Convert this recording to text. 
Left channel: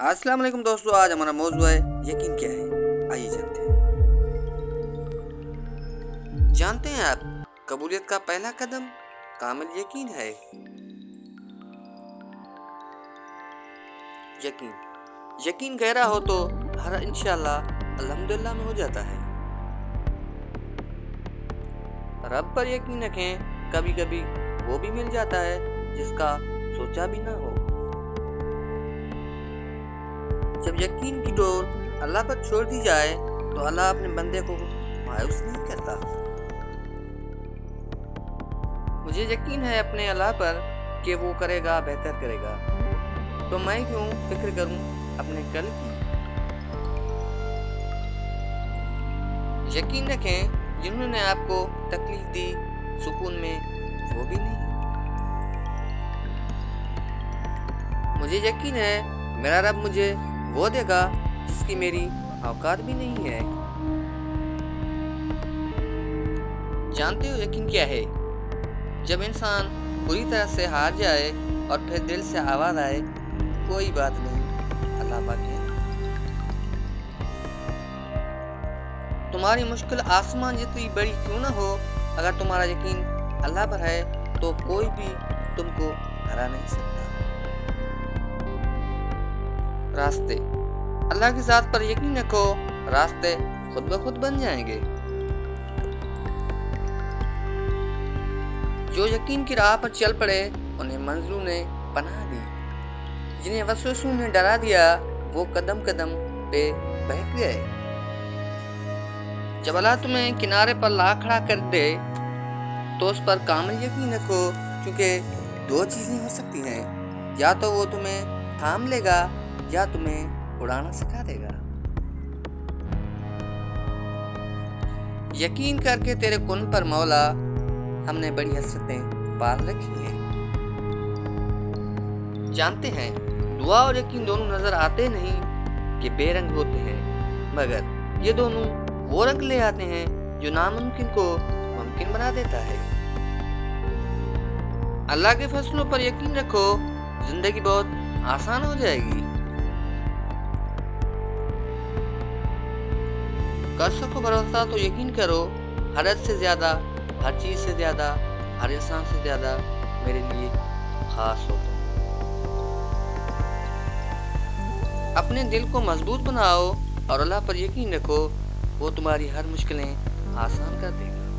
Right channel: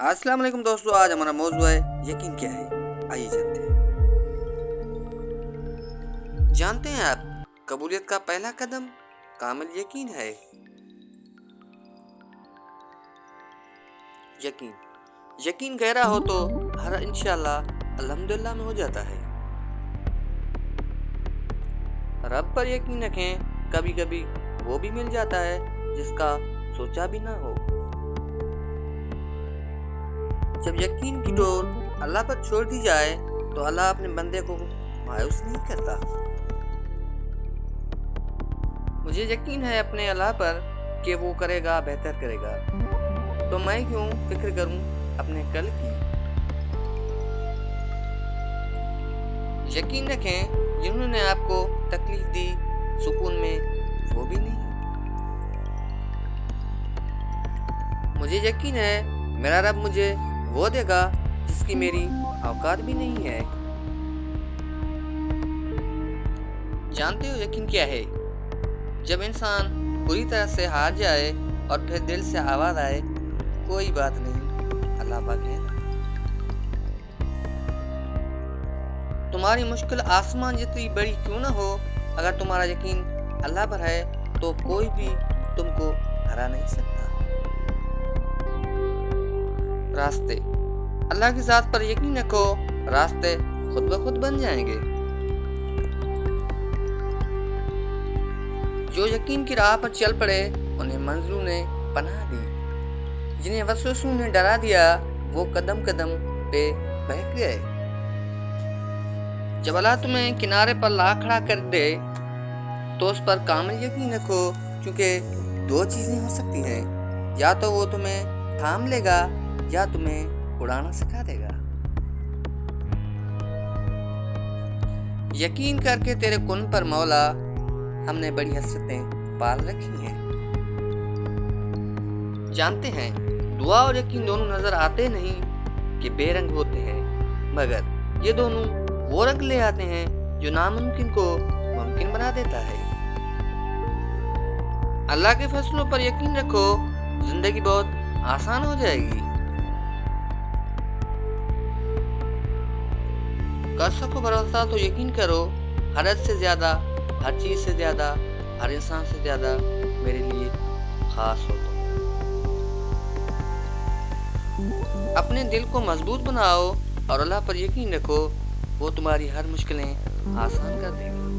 السلام علیکم دوستو، آج ہمارا موضوع ہے یقین کیا ہے۔ آئیے جانتے ہیں آپ قبولیت کا پہلا قدم کامل یقین ہے۔ یقین گہرا ہو تو ہر انشاءاللہ الحمدللہ میں ہو جاتا ہے۔ رب پر یقین رکھیں، کبھی کبھی وہ بھی مل جاتا ہے جس کا سوچا بھی نہ ہو۔ جب یقین کی ڈور اللہ پر چھوڑ دی جائے تو اللہ اپنے بندے کو مایوس نہیں کرتا۔ مجھے یقین ہے اپنے اللہ پر کہ وہ کرے گا، بہتر کرے گا، تو میں کیوں فکر کروں اپنے کل کی۔ یقین رکھیں، جنہوں نے آپ کو تکلیف دی سکون میں وہ بھی نہیں۔ مجھے یقین ہے میرا رب مجھے وہ دے گا جس کی میری اوقات بھی نہیں ہے۔ جانتے ہو یقین کیا ہے؟ جب انسان پوری طرح سے ہار جائے اور پھر دل سے آواز آئے کوئی بات نہیں، اللہ پاک ہے۔ تمہاری مشکل آسمان جتنی بڑی کیوں نہ ہو، اگر تمہارا یقین اللہ پر ہے تو کوئی بھی تم کو ہرا نہیں سکتا۔ راستے، اللہ کی ذات پر یقین رکھو، راستے خود بخود بن جائیں گے۔ جو یقین کی راہ پر چل پڑے انہیں منزلوں نے پناہ دی، جنہیں وسوسوں نے ڈرا دیا وہ قدم قدم پہ بہک گئے۔ جب اللہ تمہیں کنارے پر لا کھڑا کر دے تو اس پر کامل یقین رکھو، کیونکہ دو چیزیں ہو سکتی ہیں، یا تو وہ تمہیں تھام لے گا یا تمہیں اڑانا سکھا دے گا۔ یقین کر کے تیرے کن پر مولا ہم نے بڑی حسرتیں پال رکھی ہیں۔ جانتے ہیں دعا اور یقین دونوں نظر آتے نہیں کہ بے رنگ ہوتے ہیں، مگر یہ دونوں وہ رنگ لے آتے ہیں جو ناممکن کو ممکن بنا دیتا ہے۔ اللہ کے فیصلوں پر یقین رکھو، زندگی بہت آسان ہو جائے گی۔ کر سکو بھروسہ تو یقین کرو، ہر حد سے زیادہ، ہر چیز سے زیادہ، ہر انسان سے زیادہ میرے لیے خاص ہو تم۔ اپنے دل کو مضبوط بناؤ اور اللہ پر یقین رکھو، وہ تمہاری ہر مشکلیں آسان کر دے گا۔